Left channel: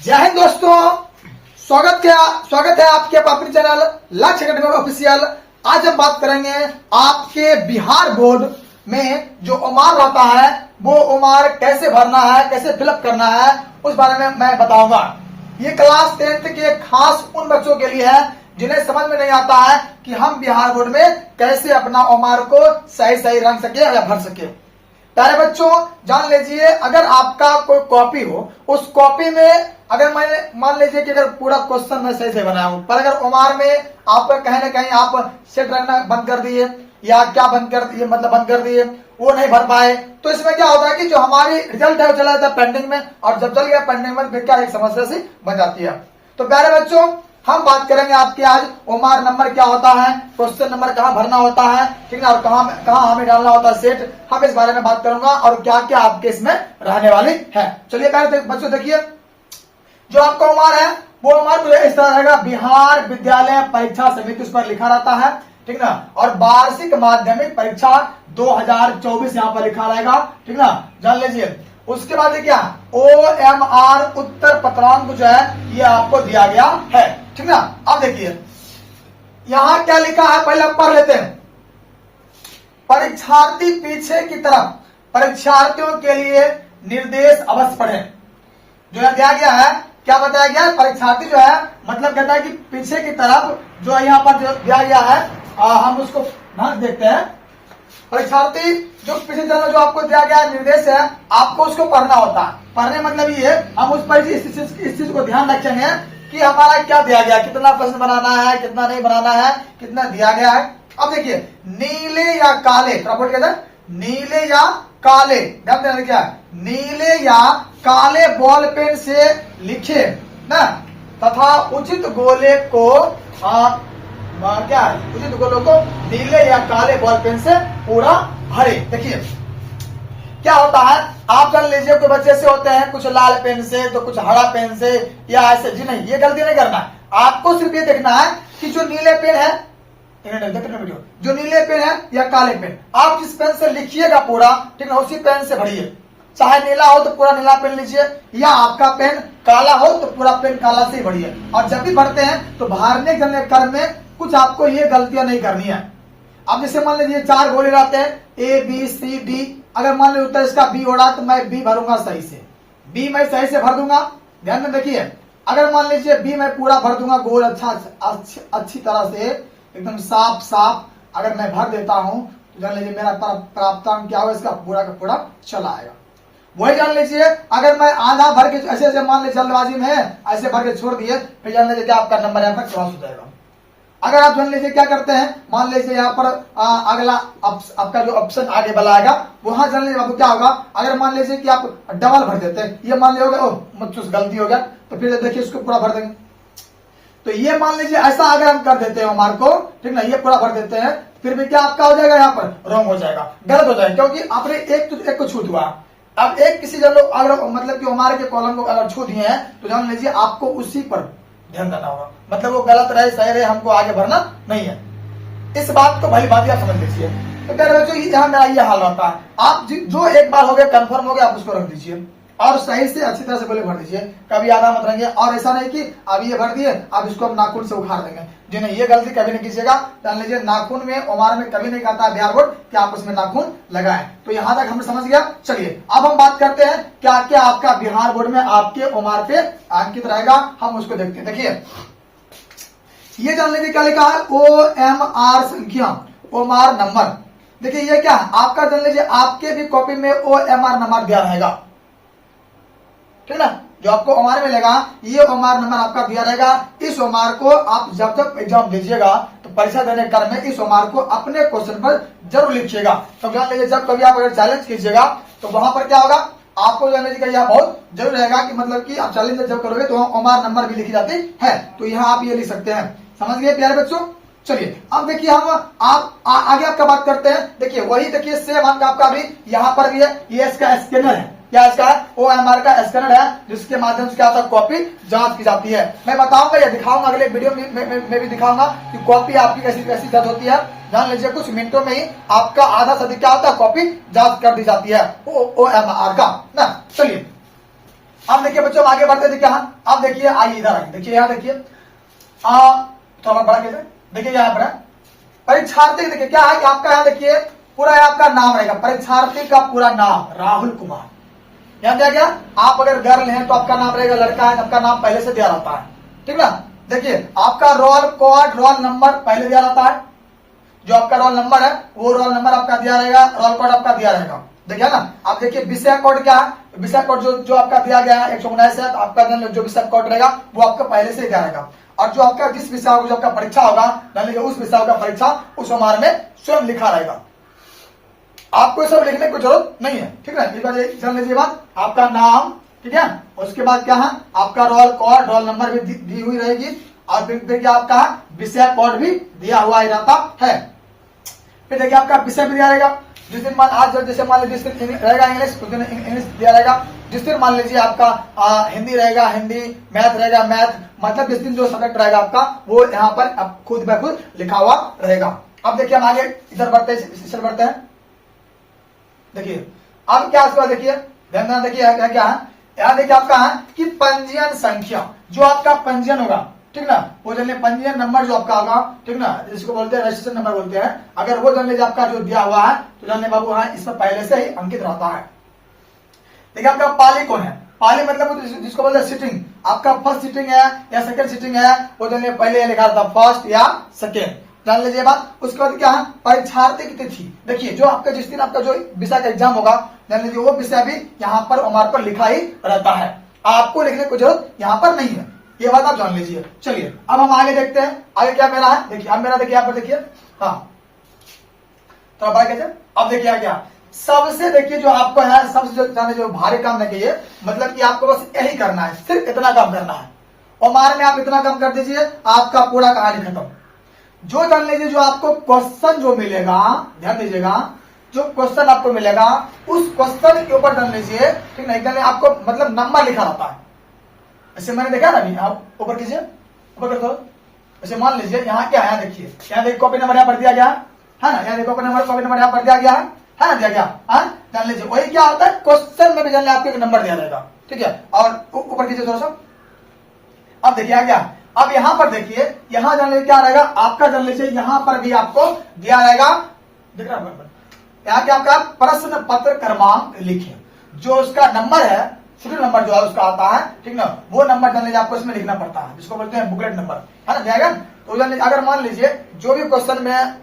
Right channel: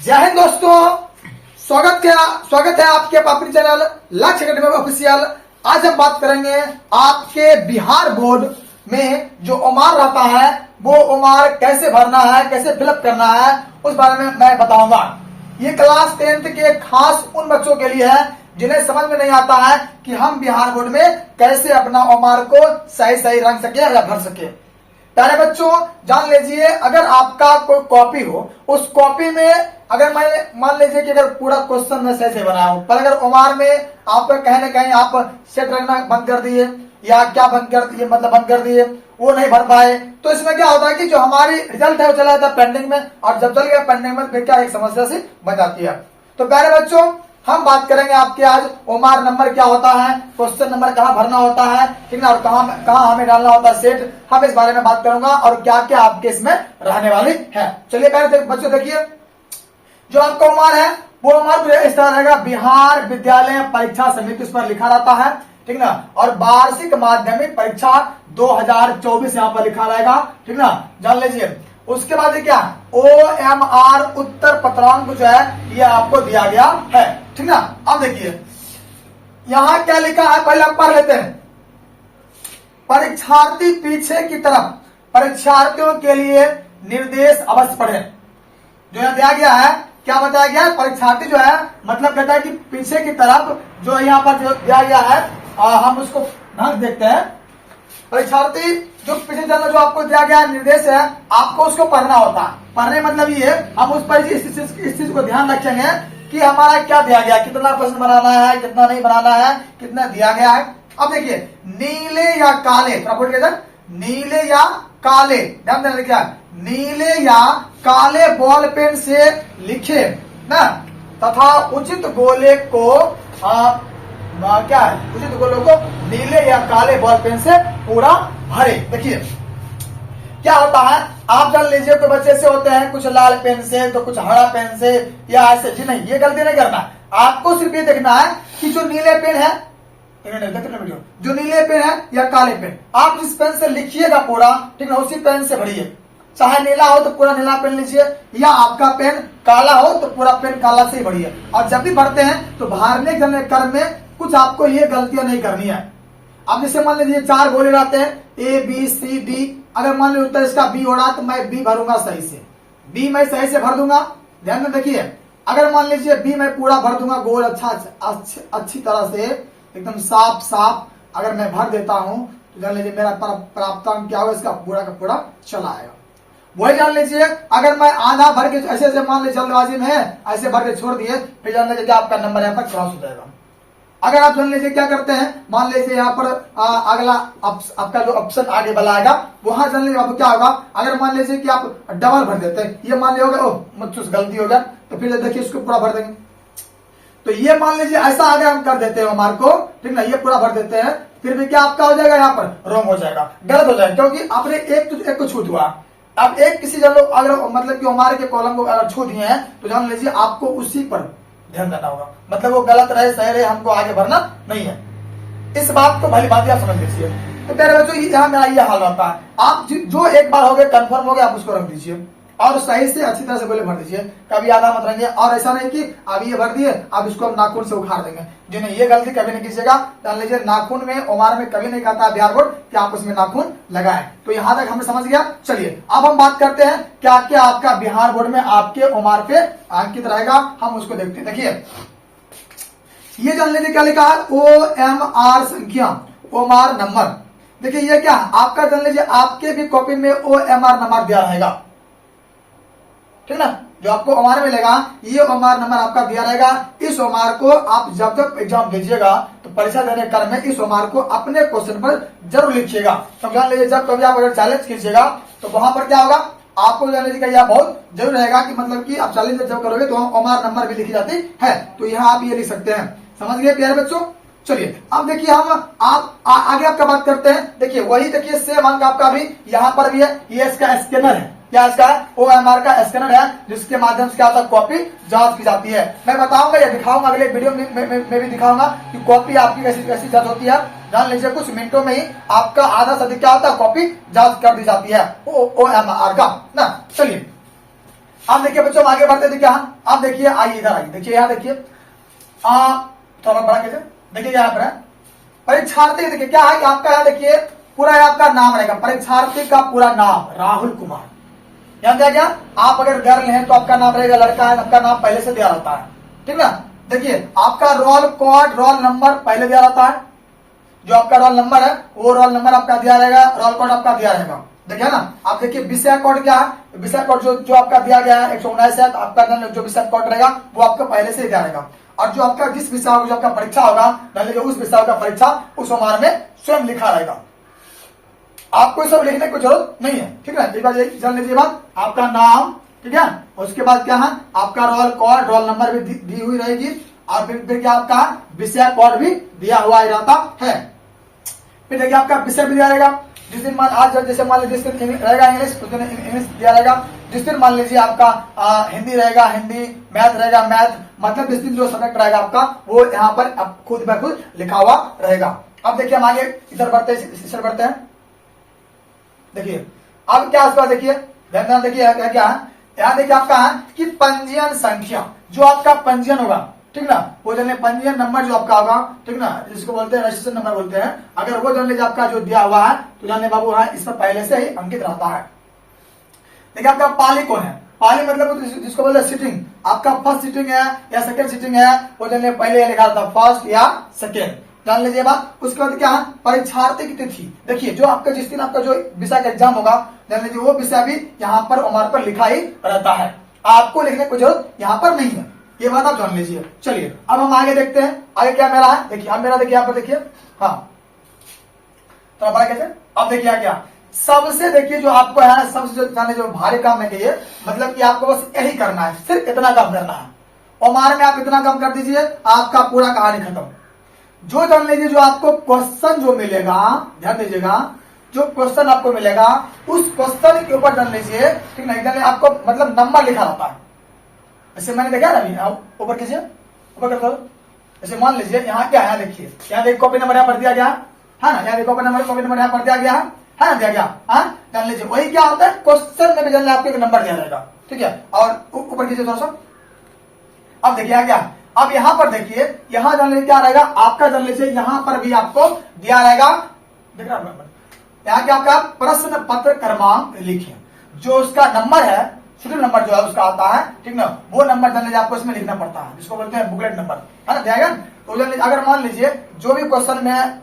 जय हिंद दोस्तों, स्वागत है आपके अपने चैनल लक्ष्य अकेडमी ऑफिशियल। आज हम बात करेंगे आपके बिहार बोर्ड में जो ओमार रहता है वो ओमार कैसे भरना है, कैसे फिलअप करना है, उस बारे में मैं बताऊंगा। ये क्लास 10th के खास उन बच्चों के लिए है जिन्हें समझ में नहीं आता है कि हम बिहार बोर्ड में कैसे अपना ओमार को सही रंग सके या भर सके। प्यारे बच्चों, जान लीजिए, अगर आपका कोई कॉपी हो, उस कॉपी में अगर मैंने मान लीजिए कि अगर पूरा क्वेश्चन मैं सही से बनाया हूं, पर अगर ओमार में आपका कहीं ना कहीं आप सेट रखना बंद कर दिए या क्या बंद कर दिए, मतलब बंद कर दिए, वो नहीं भर पाए, तो इसमें क्या होता है कि जो हमारी रिजल्ट है वो चला जाता है पेंडिंग में, और जब चल गया पेंडिंग में फिर क्या एक समस्या सी बन जाती है। तो प्यारे बच्चों, हम बात करेंगे आपके आज ओमार नंबर क्या होता है, क्वेश्चन नंबर कहाँ भरना होता है, ठीक है, और कहाँ हमें डालना होता है सेट, हम इस बारे में बात करूंगा और क्या क्या आपके इसमें रहने वाली है। चलिए पहले बच्चों देखिए, जो आपका ओमार है वो ओमार इस तरह रहेगा, बिहार विद्यालय परीक्षा समिति उस पर लिखा रहता है, ठीक ना, और वार्षिक माध्यमिक परीक्षा 2024 यहाँ पर लिखा रहेगा, ठीक ना, जान लीजिए। उसके बाद क्या OMR उत्तर पत्रांक जो है ये आपको दिया गया है, ठीक ना। अब देखिए यहां क्या लिखा है, पहले हम पढ़ लेते हैं। परीक्षार्थी पीछे की तरफ परीक्षार्थियों के लिए निर्देश अवश्य पढ़ें। जो यहां दिया गया है, क्या बताया गया, परीक्षार्थी जो है मतलब कहता है कि पीछे की तरफ जो यहाँ पर जो दिया गया है, हम उसको ध्यान देखते हैं। परीक्षार्थी जो पिछले चरण में जो आपको दिया गया निर्देश है, आपको उसको पढ़ना होता है। पढ़ने मतलब ये हम उस पर इस चीज को ध्यान रखेंगे कि हमारा क्या दिया गया, कितना प्रश्न बनाना है, कितना नहीं बनाना है, कितना दिया गया है। अब देखिए, नीले या काले, कहते हैं नीले या काले, ध्यान देना, क्या नीले या काले बॉल पेन से लिखे ना, तथा उचित गोले को क्या है, उचित गोलों को नीले या काले बॉल पेन से पूरा भरे। देखिए क्या होता है, आप जान लीजिए कोई बच्चे से होते हैं कुछ लाल पेन से तो कुछ हरा पेन से या ऐसे, जी नहीं, ये गलती नहीं करना है। आपको सिर्फ ये देखना है कि जो नीले पेन है, वीडियो, जो नीले पेन है या काले पेन, आप जिस पेन से लिखिएगा पूरा, ठीक है, उसी पेन से भरिए। चाहे नीला हो तो पूरा नीला पेन लीजिए, या आपका पेन काला हो तो पूरा पेन काला से ही भरिए। और जब भी भरते हैं तो भरने के क्रम में कुछ आपको ये गलतियां नहीं करनी है। अब जैसे मान लीजिए 4 गोले रहते हैं, A B C D, अगर मान लीजिए उत्तर इसका B हो रहा तो मैं B भरूंगा सही से, B मैं सही से भर दूंगा। ध्यान में देखिए, अगर मान लीजिए B मैं पूरा भर दूंगा गोल अच्छी तरह से एकदम साफ अगर मैं भर देता हूं तो जान लीजिए मेरा प्राप्तांक क्या होगा, इसका पूरा का पूरा चला आएगा। वही जान लीजिए अगर मैं आधा भर के ऐसे मान लीजिए जल्दबाजी में है, ऐसे भर के छोड़ दिए, फिर जान लीजिए आपका नंबर यहाँ पर क्रॉस हो जाएगा। अगर आप जान लीजिए क्या करते हैं, मान लीजिए यहाँ पर अगला आपका जो ऑप्शन आगे वाला आएगा, वहां जान लीजिए आपको क्या होगा, अगर मान लीजिए कि आप डबल भर देते हैं, ये मान लिया मुझसे गलती हो गया, तो फिर देखिए इसको पूरा भर देंगे। तो ये मान लीजिए ऐसा अगर हम कर देते हैं हमारे को, ठीक ना, ये पूरा भर देते हैं, फिर भी क्या आपका हो जाएगा, यहाँ पर रॉन्ग हो जाएगा, गलत हो जाएगा, क्योंकि आपने एक को छूट हुआ। अब एक किसी जगह अगर मतलब कि हमारे के कॉलम को अगर छू दिए हैं तो जान लीजिए आपको उसी पर ध्यान देना होगा, मतलब वो गलत रहे सही रहे, हमको आगे बढ़ना नहीं है। इस बात को भली भांति आप समझ लीजिए। तो तेरे बच्चों यहाँ मेरा ये हाल होता है, आप जो एक बार हो गए कंफर्म हो गए, आप उसको रख दीजिए और सही से अच्छी तरह से बोले भर दीजिए, कभी आधा मत रहेंगे। और ऐसा नहीं कि अब ये भर दिए अब इसको हम नाखून से उखाड़ देंगे, जी नहीं, ये गलती कभी नहीं कीजिएगा। जान लीजिए नाखून में ओमार में कभी नहीं कहता बिहार बोर्ड कि आप उसमें नाखून लगाएं। तो यहां तक हमने समझ गया। चलिए अब हम बात करते हैं क्या क्या आपका बिहार बोर्ड में आपके ओमार पे अंकित रहेगा, हम उसको देखते हैं। देखिए ये जान लीजिए क्या लिखा है, OMR संख्या, ओमार नंबर। देखिए ये क्या आपका जान लीजिए आपके भी कॉपी में OMR नंबर दिया रहेगा, ठीक ना, जो आपको ओमार मिलेगा ये ओमार नंबर आपका दिया रहेगा। इस ओमार को आप जब एग्जाम दीजिएगा तो परीक्षा देने क्रम में इस ओमार को अपने क्वेश्चन पर जरूर लिखिएगा। तो जान लीजिए जब कभी आप अगर चैलेंज कीजिएगा तो वहां पर क्या होगा, आपको जान लीजिएगा यह बहुत जरूर रहेगा कि मतलब कि आप चैलेंज जब करोगे तो ओमार नंबर भी लिखी जाती है, तो यहाँ आप ये लिख सकते हैं। समझ गए प्यारे बच्चों। चलिए अब देखिए हम आगे आपका बात करते हैं। देखिए वही देखिए सेम अंक आपका भी यहाँ पर भी है, ये इसका स्कैनर है, क्या इसका OMR का स्कैनर है, जिसके माध्यम से क्या होता है कॉपी जांच की जाती है। मैं बताऊंगा, ये दिखाऊंगा अगले वीडियो में भी दिखाऊंगा कि कॉपी आपकी कैसी कैसी जांच होती है। जान लीजिए कुछ मिनटों में ही आपका आधा से अधिक क्या होता है कॉपी जांच कर दी जाती है OMR का ना। चलिए अब देखिए बच्चों आगे बढ़ते देखिए, हाँ अब देखिए आइए इधर आइए, देखिए यहाँ देखिए थोड़ा बड़ा कैसे, देखिए यहाँ पर परीक्षार्थी, देखिए क्या है कि आपका यहाँ देखिए पूरा आपका नाम रहेगा, परीक्षार्थी का पूरा नाम राहुल कुमार। यहाँ क्या क्या, आप अगर गर्ल हैं तो आपका नाम रहेगा, लड़का है आपका नाम पहले से दिया रहता है, ठीक ना। देखिए आपका रोल कोड, रोल नंबर पहले दिया रहता है, जो आपका रोल नंबर है वो रोल नंबर आपका दिया रहेगा, रोल कोड आपका दिया रहेगा, देखिए ना। आप देखिए विषय कोड क्या है, विषय कोड जो आपका दिया गया है 119 है, तो आपका जो विषय कोड रहेगा वो आपका पहले से दिया रहेगा। और जो आपका जिस विषय होगा, जो आपका परीक्षा होगा, उस विषय का परीक्षा उस हमारे में स्वयं लिखा रहेगा, आपको सब लिखने की जरूरत नहीं है, ठीक है। एक बार जान लीजिए बात, आपका नाम, ठीक है, उसके बाद क्या है आपका रोल कोड, रोल नंबर भी दी हुई रहेगी, और फिर क्या आपका विषय कोड भी दिया हुआ ही रहता है। फिर देखिए आपका विषय भी दिया रहेगा, जिस दिन आज जैसे मान लीजिए जिस दिन रहेगा इंग्लिश, उस दिन इंग्लिश दिया रहेगा, जिस दिन मान लीजिए आपका हिंदी रहेगा हिंदी, मैथ रहेगा मैथ, मतलब जिस दिन जो सब्जेक्ट रहेगा आपका वो यहाँ पर खुद ब खुद लिखा हुआ रहेगा। अब देखिए हम आगे इधर बढ़ते हैं, देखिए अब क्या उसका देखिए ध्यान देखिए क्या है, यहाँ देखिए आपका है कि पंजीयन संख्या, जो आपका पंजीयन होगा, ठीक ना, वो जानिए पंजीयन नंबर जो आपका होगा, ठीक ना, जिसको बोलते हैं रजिस्ट्रेशन नंबर बोलते हैं, अगर वो जान लीजिए आपका जो दिया हुआ है तो जानिए बाबू हाँ इसमें पहले से ही अंकित रहता है। देखिए आपका पाली कौन है, पाली मतलब जिसको बोलते हैं सिटिंग, आपका फर्स्ट सिटिंग है या सेकंड सिटिंग है, वो जानिए पहले लिखा था फर्स्ट या सेकेंड, जान लीजिए बात। उसके बाद क्या है परीक्षार्थी की तिथि, देखिए जो आपका जिस दिन आपका जो विषय का एग्जाम होगा, जान लीजिए वो विषय भी यहाँ पर हमारे पर लिखा ही रहता है, आपको लिखने की जरूरत यहाँ पर नहीं है, ये बात आप जान लीजिए। चलिए अब हम आगे देखते हैं, आगे क्या मेरा है, देखिए अब मेरा देखिए यहाँ पर देखिए, हाँ तो बड़ा कैसे, अब देखिए क्या सबसे देखिए जो आपको है सबसे जो भारी काम नहीं चाहिए, मतलब कि आपको बस यही करना है, सिर्फ इतना काम करना है, और हमारे में आप इतना काम कर दीजिए आपका पूरा कहानी खत्म। जो जान लीजिए जो आपको क्वेश्चन जो मिलेगा, ध्यान दीजिएगा, जो क्वेश्चन आपको मिलेगा उस क्वेश्चन के ऊपर जान लीजिए, ठीक है, एकदम आपको मतलब नंबर लिखा रहता है, ऐसे मैंने देखा ना, आप ऊपर कीजिए, ऊपर कर, ऐसे मान लीजिए यहाँ क्या है, देखिए यहाँ देखिए कॉपी नंबर यहाँ पर दिया गया है ना, यहाँ देखिए कॉपी नंबर यहाँ पर दिया गया है ना, दिया गया है, जान लीजिए वही क्या होता है क्वेश्चन में भी जान लीजिए आपको एक नंबर दिया जाएगा, ठीक है। और ऊपर कीजिए थोड़ा सा, अब देखिए क्या, अब यहाँ पर देखिए यहाँ जान लीजिए क्या रहेगा आपका, जान लीजिए यहाँ पर भी आपको दिया रहेगा, देख रहे हैं यहाँ क्या आपका प्रश्न पत्र क्रमांक लिखिए, जो उसका नंबर है, सीरियल नंबर जो है उसका आता है, ठीक ना, वो नंबर जान लीजिए आपको इसमें लिखना पड़ता है, जिसको बोलते हैं बुकलेट नंबर, है ना, ध्यान। तो जान लीजिए अगर मान लीजिए जो भी क्वेश्चन में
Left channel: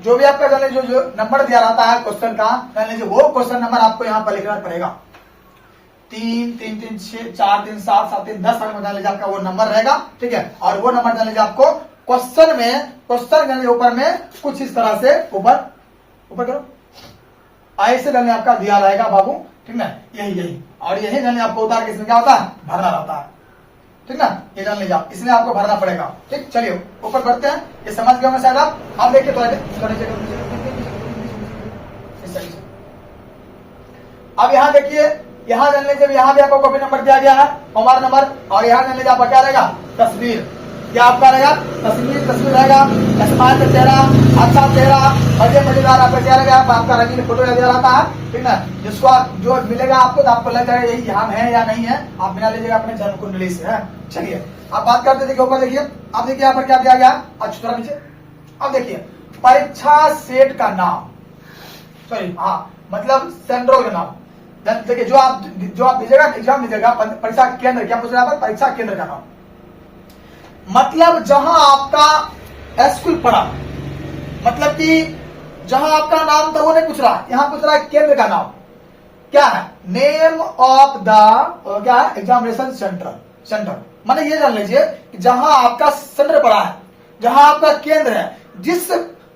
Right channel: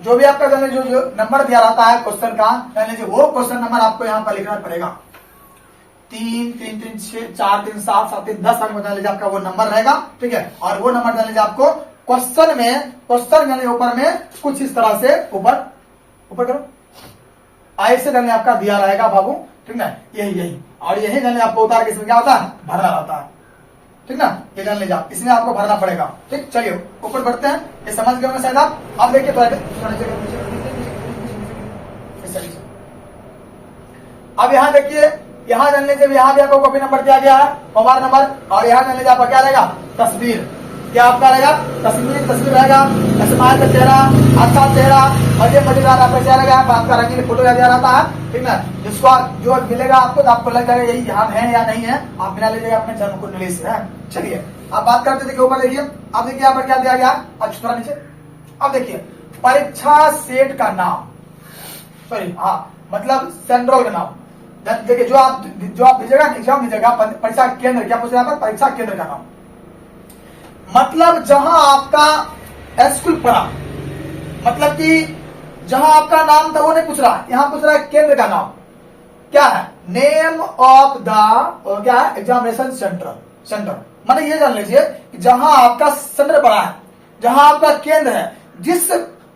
जो भी आपका जान लीजिए जो नंबर दिया रहता है क्वेश्चन का, जान लीजिए वो क्वेश्चन नंबर आपको यहाँ पर लिखना पड़ेगा, 3 3 3 6 4 3 7 7 3 10 अंक में जान लीजिए आपका वो नंबर रहेगा, ठीक है। और वो नंबर जान लीजिए आपको क्वेश्चन में, क्वेश्चन ऊपर में कुछ इस तरह से ऊपर करो, ऐसे जान आपका दिया रहेगा बाबू, ठीक ना, यही और यही जान आपको उतार के इसमें क्या होता है भरना रहता है, ठीक ना, ये जान लीजिए आप इसमें आपको भरना पड़ेगा, ठीक। चलिए ऊपर बढ़ते हैं, ये समझ गया मैं शायद आप देखिए तो अब यहाँ देखिए, यहाँ जान लीजिए यहाँ भी आपको कॉपी नंबर दिया गया है, मोबाइल नंबर, और यहाँ जान लीजिए आपका क्या रहेगा तस्वीर, क्या आपका रहेगा तस्वीर रहेगा, स्माइल का चेहरा, अच्छा चेहरा, मजे मजेदार आपका क्या रहेगा, आपका रंगीन फोटो दिया रहता है, ठीक ना, जिसको जो मिलेगा आपको तो आपको लग जाएगा यही हम है या नहीं है, आप बिना लीजिएगा अपने जन्म कुंडली से है। चलिए आप बात करते देखिए ऊपर देखिए, अब देखिए यहाँ पर क्या दिया गया, अच्छा थोड़ा नीचे, अब देखिए परीक्षा सेट का नाम, सॉरी हाँ मतलब सेंट्रल का नाम, देखिए जो आप दीजिएगा एग्जाम दीजिएगा परीक्षा केंद्र, क्या पूछ रहे हैं परीक्षा केंद्र का नाम, मतलब जहां आपका स्कूल पढ़ा, मतलब कि जहां आपका नाम था वो नहीं पूछ रहा, यहां पूछ रहा है केंद्र का नाम, क्या है नेम ऑफ द क्या है एग्जामिनेशन सेंटर, मतलब ये जान लीजिए कि जहां आपका सेंटर पड़ा है, जहां आपका केंद्र है,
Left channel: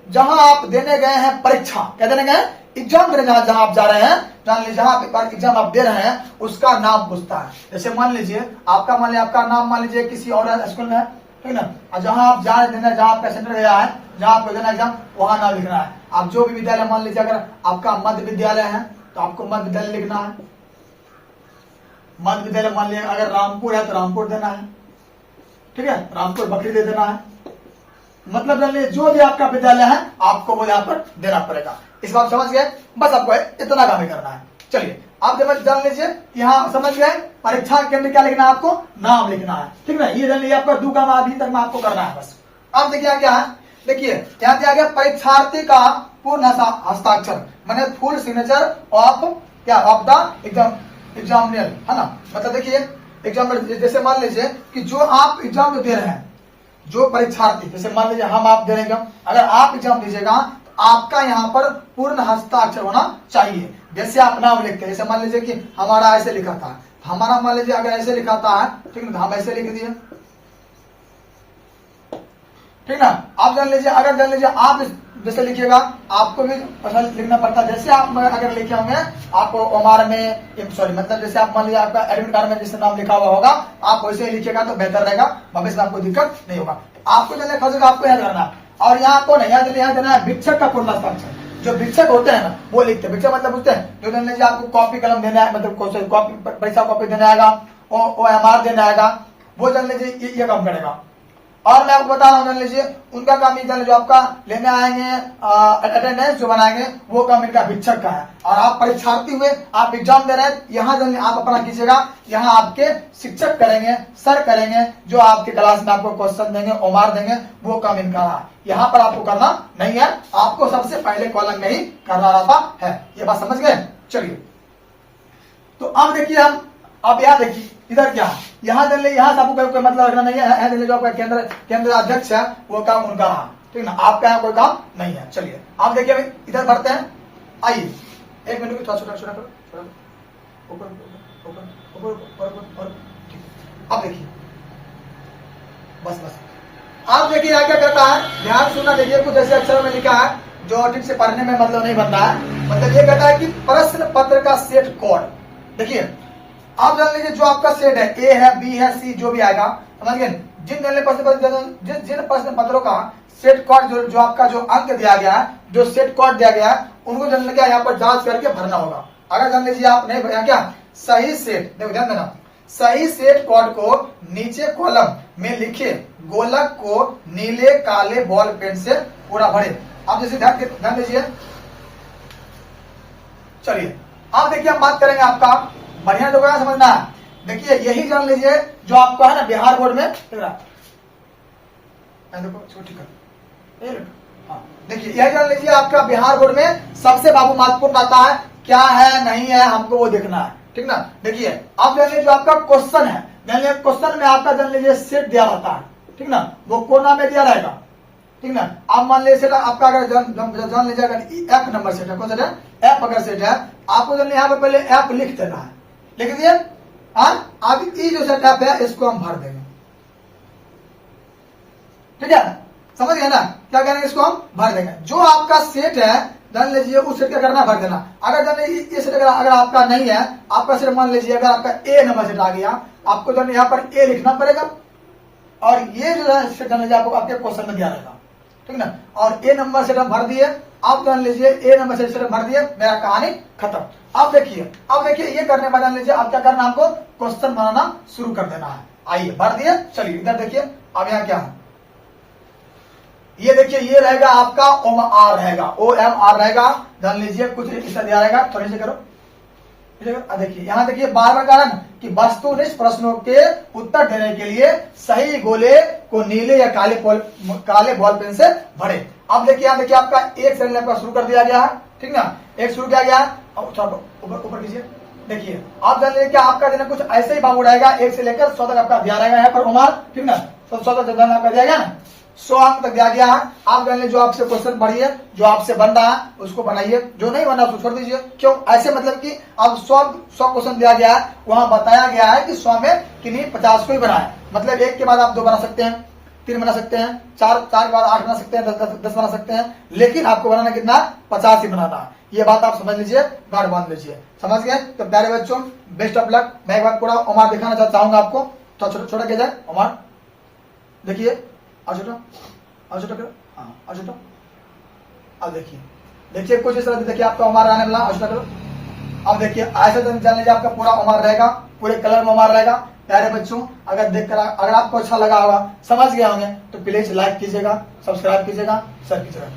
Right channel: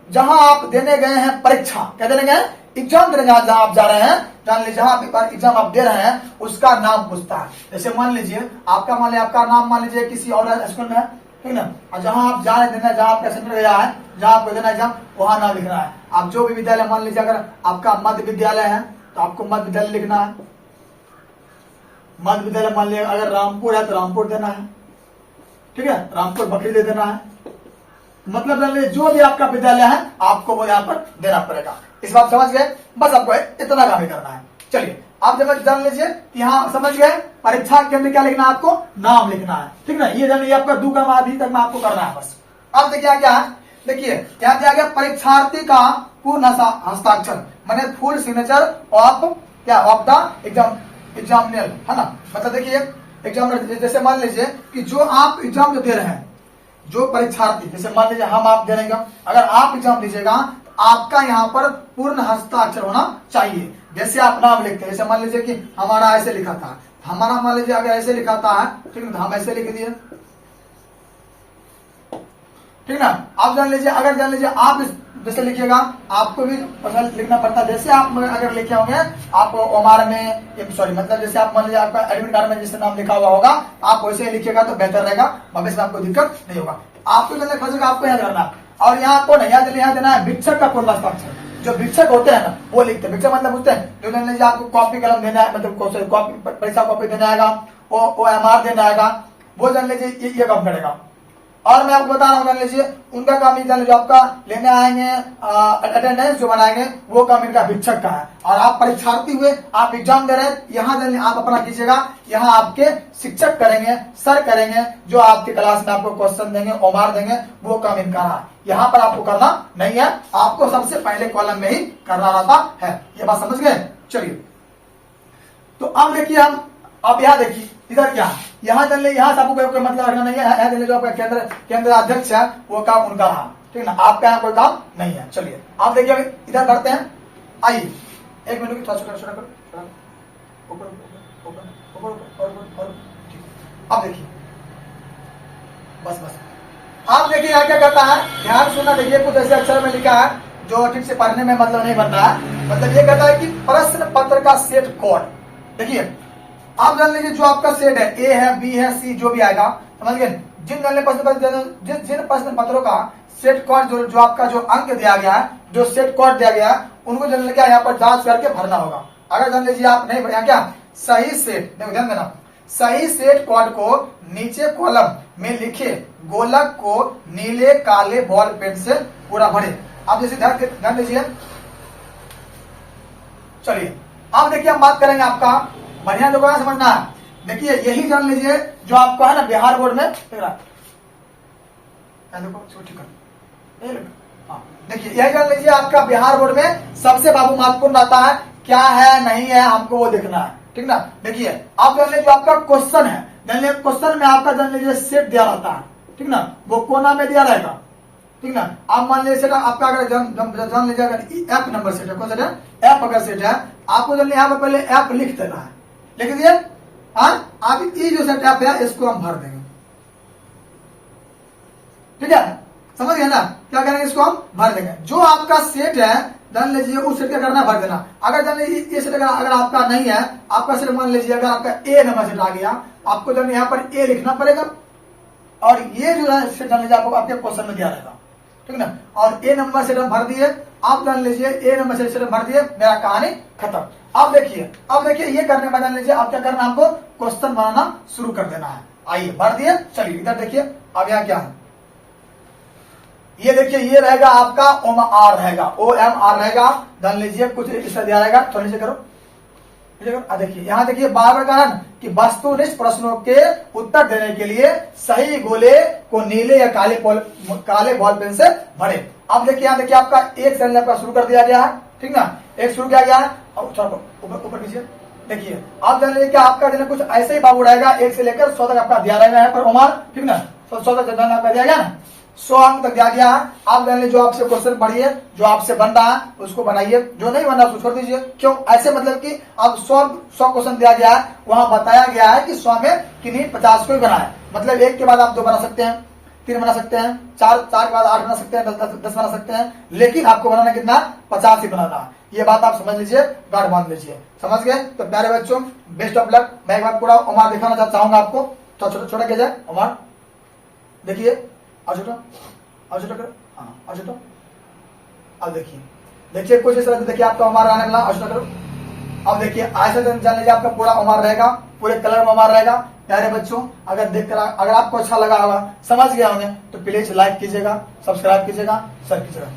जहां आप देने गए हैं परीक्षा, क्या देने गए एग्जाम देने, जहां आप जा रहे हैं, जान लीजिए जहां आप एग्जाम आप दे रहे हैं उसका नाम पूछता है। जैसे मान लीजिए आपका नाम मान लीजिए किसी और स्कूल में है, ठीक ना, और जहां आप जा रहे हैं, जहां आपका सेंटर गया है, जहां आपको देना एग्जाम, वहां नाम लिखना है। आप जो भी विद्यालय मान लीजिए अगर आपका मध्य विद्यालय है तो आपको मध्य विद्यालय लिखना है, मध्य विद्यालय मान लीजिए अगर रामपुर है तो रामपुर देना है, ठीक है, रामपुर बकरी दे देना है, मतलब जान लीजिए जो भी आपका विद्यालय है आपको वो यहाँ पर देना पड़ेगा। इस बात समझ गए, बस आपको इतना काम ही करना है। चलिए आप जब जान लीजिए, यहाँ समझ गए, परीक्षा केंद्र क्या लिखना है आपको, नाम लिखना है, ठीक ना। ये जान लीजिए आपका 2 काम अभी तक में आपको करना है बस। अब देखिए क्या है, देखिए यहाँ क्या गया, परीक्षार्थी का पूर्ण हस्ताक्षर माने फुल सिग्नेचर ऑफ क्या, ऑफ द एग्जामिनर, है ना। मतलब देखिए एग्जाम, जैसे मान लीजिए कि जो आप एग्जाम जो दे रहे हैं, जो परीक्षार्थी, जैसे मान लीजिए हम आप दे रहेंगे, अगर आप एग्जाम दीजिएगा तो आपका यहाँ पर पूर्ण हस्ताक्षर होना चाहिए। जैसे आप नाम लिखते हैं, जैसे मान लीजिए कि हमारा ऐसे लिखा था, हमारा मान लीजिए अगर ऐसे लिखा था, ठीक है, हम ऐसे लिख दिए, ठीक ना। आप जान लीजिए, अगर जान लीजिए आप जैसे लिखिएगा, आपको भी पसंद लिखना पड़ता है। जैसे आप अगर लिखे होंगे, आप ओमार में, सॉरी मतलब जैसे आप मान लीजिए आपका एडमिट कार्ड में जिससे नाम लिखा हुआ होगा, आप वैसे ही लिखिएगा तो बेहतर रहेगा, भविष्य में आपको दिक्कत नहीं होगा। आपको जो खास आपको याद रखना, और यहाँ को नहीं याद देना है भिक्षक का पूर्ण हस्ताक्षर। जो भिक्षक होते हैं ना, वो लिखते हैं। भिक्षक मतलब पूछते हैं, जो जान लीजिए आपको कॉपी कलम देना है, मतलब कॉपी पैसा कॉपी देना आएगा, वो एमआर देना आएगा, वो जान लीजिए ये काम करेगा। और मैं आपको बता रहा हूँ, जान लीजिए उनका काम, जान लीजिए आपका लेने आएंगे, अटेंडेंस जो बनाएंगे, वो काम इनका भिक्षक का है। और आप परीक्षार्थी हुए, आप एग्जाम दे रहे हैं, यहाँ जान आप अपना कीजिएगा, यहाँ आपके शिक्षक करेंगे, सर करेंगे, जो आपके क्लास में आपको क्वेश्चन देंगे, ओमार देंगे, वो काम इनका रहा। यहाँ पर आपको करना नहीं है, आपको सबसे पहले कॉलम में ही करना रहता है। ये बात समझ गए। चलिए, तो अब देखिए हम, अब यहाँ देखिए इधर क्या, यहाँ जान लीजिए, यहाँ से आपको कोई मतलब रखना नहीं है, जो आपका केंद्र अध्यक्ष है, वो काम उनका रहा, ठीक ना। आपका यहाँ कोई काम नहीं है। चलिए आप देखिए, इधर बढ़ते हैं, आइए 1 मिनट की, थोड़ा छोटा करो, अब देखिए, बस आप देखिए यहाँ क्या कहता है, ध्यान सुनना। देखिए कुछ ऐसे अक्षर में लिखा है जो ठीक से पढ़ने में मतलब नहीं बन रहा है। मतलब ये कहता है कि प्रश्न पत्र का सेट कोड। देखिए आप जान लीजिए, जो आपका सेट है, ए है, बी है, सी, जो भी आएगा, समझ गए। जिन प्रश्न पत्रों का सेट कोड, जो आपका जो अंक दिया गया है, जो सेट कोड दिया गया है, उनको जान लीजिए यहाँ पर जांच करके भरना होगा। अगर जान लीजिए आप नहीं भरा, क्या सही सेट, देखो ध्यान देना, सही सेट कोड को नीचे कॉलम में लिखे गोलक को नीले काले बॉल पेन से पूरा भरे। आप जैसे ध्यान दीजिए। चलिए आप देखिए, हम बात करेंगे आपका, बढ़िया लोगों का समझना है। देखिए यही जान लीजिए जो आपका है ना बिहार बोर्ड में, देखिए यही जान लीजिए आपका बिहार बोर्ड में सबसे बाबू महत्वपूर्ण आता है, क्या है नहीं है हमको वो देखना है, ठीक ना। देखिए आप जान लीजिए, जो आपका क्वेश्चन है, जान लीजिए क्वेश्चन में आपका जान लीजिए सेट दिया रहता है, ठीक ना, वो कोना में दिया रहेगा, ठीक ना। आप मान लीजिए आपका अगर जान लीजिए, अगर एफ नंबर सेट है, कौन सा है, एफ अगर सेट है, आपको जान यहाँ पर पहले एफ लिख देना है, लिख दिए। आप ई जो सेट एफ है, इसको हम भर देंगे, ठीक है, समझ गए ना। क्या करेंगे, इसको हम भर देंगे। जो आपका सेट है जान लीजिए, उस सेट क्या करना, भर देना। अगर जान लीजिए ये सेट अगर आपका नहीं है, आपका सेट मान लीजिए अगर आपका ए नंबर सेट आ गया, आपको जान यहाँ पर ए लिखना पड़ेगा, और ये जो है सेट जान लीजिए आपको आपके क्वेश्चन में दिया रहेगा, ठीक ना। और ए नंबर सेट हम भर दिए, आप जान लीजिए ए नंबर सेट भर दिए, मेरा कहानी खत्म। अब देखिए ये करने में जान लीजिए आप क्या करना, हमको क्वेश्चन बनाना शुरू कर देना है। आइए भर दिए। चलिए इधर देखिए, अब यहाँ क्या है, ये देखिए, ये रहेगा आपका OMR रहेगा, OMR रहेगा, जान लीजिए कुछ इस दिया रहेगा। थोड़ी से करो, देखिए यहाँ देखिए, बार कारण कि वस्तुनिष्ठ प्रश्नों के उत्तर देने के लिए सही गोले को नीले या काले बॉल पेन से भरे। अब देखिए यहाँ देखिए, आपका एक सेकंड आपका शुरू कर दिया गया है, ठीक ना, एक शुरू किया गया है। अब ऊपर कीजिए, देखिए आप जान लीजिए कि आपका जो कुछ ऐसे ही बाबू रहेगा, 1 से लेकर 100 तक आपका दिया रहेगा यहाँ पर OMR, ठीक ना। तो 100 तक आपका दिया गया ना, 100 अंक तक दिया गया है। आप जान लीजिए, जो आपसे क्वेश्चन पढ़िए, जो आपसे बन रहा है उसको बनाइए, जो नहीं बना उसको छोड़ दीजिए। क्यों ऐसे, मतलब कि अब 100 क्वेश्चन दिया गया है, वहां बताया गया है कि 100 में किन्हीं 50 को ही बनाए, मतलब 1 के बाद आप 2 बना सकते हैं, 3 बना सकते हैं, 4 के बाद 8 बना सकते हैं, 10 बना सकते हैं, लेकिन आपको बनाना कितना, 50 ही बनाना है। ये बात आप समझ लीजिए, गार्ड बांध लीजिए, समझ गए। तो प्यारे बच्चों, बेस्ट ऑफ लक। मैं एक बार पूरा OMR दिखाना चाहूंगा आपको, तो छोटा किया जाए OMR, देखिए करो, हाँ छोटा। अब देखिए कुछ इस तरह से देखिए आपका OMR आने वाला, छोटा करो। अब देखिए ऐसे जान लीजिए आपका पूरा OMR रहेगा, पूरे कलर में OMR रहेगा। प्यारे बच्चों, अगर आपको अच्छा लगा होगा, समझ गए होंगे, तो प्लीज लाइक कीजिएगा, सब्सक्राइब कीजिएगा, शेयर कीजिएगा।